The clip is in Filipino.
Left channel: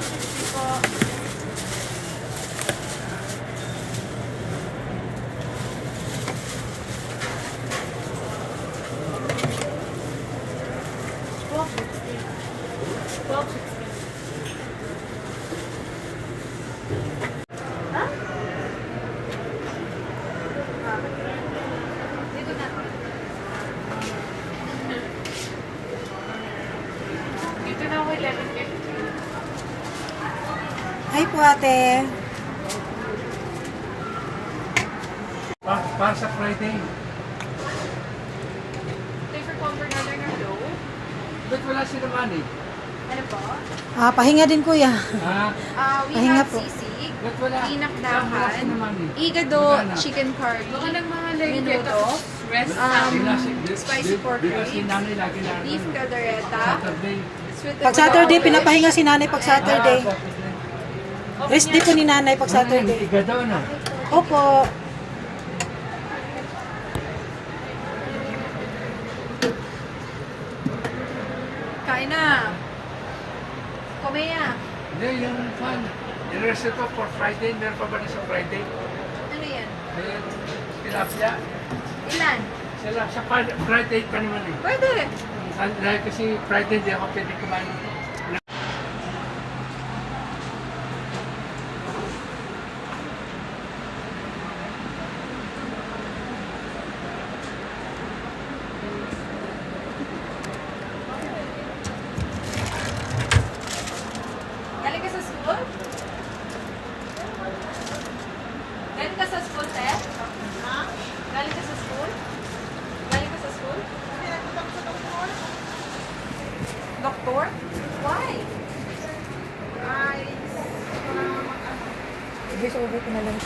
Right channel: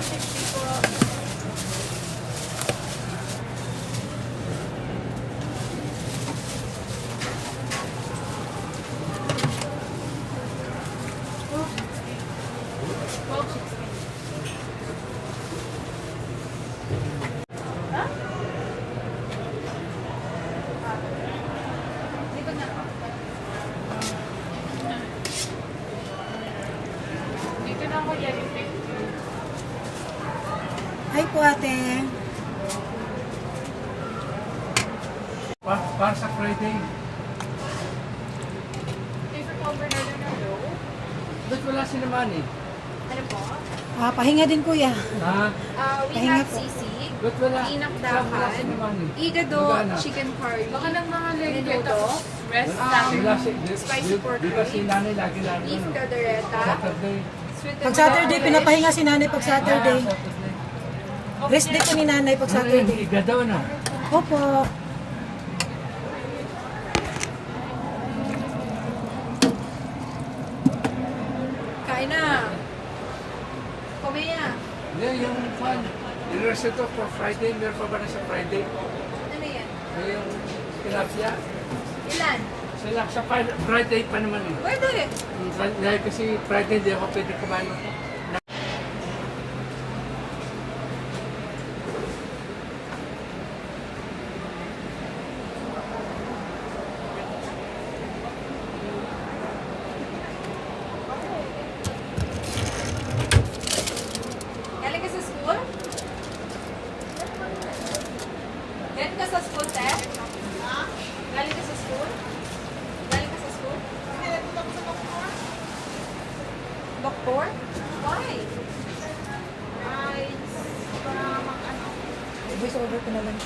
60 po. Dito na ako 11:50. Hi po ate. Para sa Friday. Thanks for calling Bernardo Nardo. Ba't wala si naman eh? Ano po? Pahinga din kuya. Ha? We Pahinga have po. sisig, Ba't wala? Saan wala si inakdahan, naman eh? igado, Magana? chicken curry, Baka ng mga like minuto, spicy pork Di ba si ribs, nanay lagi na beef caldereta, Saturday? sweet Pag Saturday, pinapahinga si nanay pag Saturday. Rest dito ni nanay pag Saturday. Igado, no? Opo. Kain na. Kumain. Hindi, yung fan. Nireserve ko for Friday. Meron pa ba na sa Friday? Ano yan? Ay, yung tilapia. Ilan? Sila, sa Friday pa naman eh. Pwede. Dahil kasi Friday hindi ako pwede kumain ng Galing ka sa school? Galing ka sa school, te? Galing ka sa school? Galing ka sa school? Doktor? Why? Voice over ko na lang.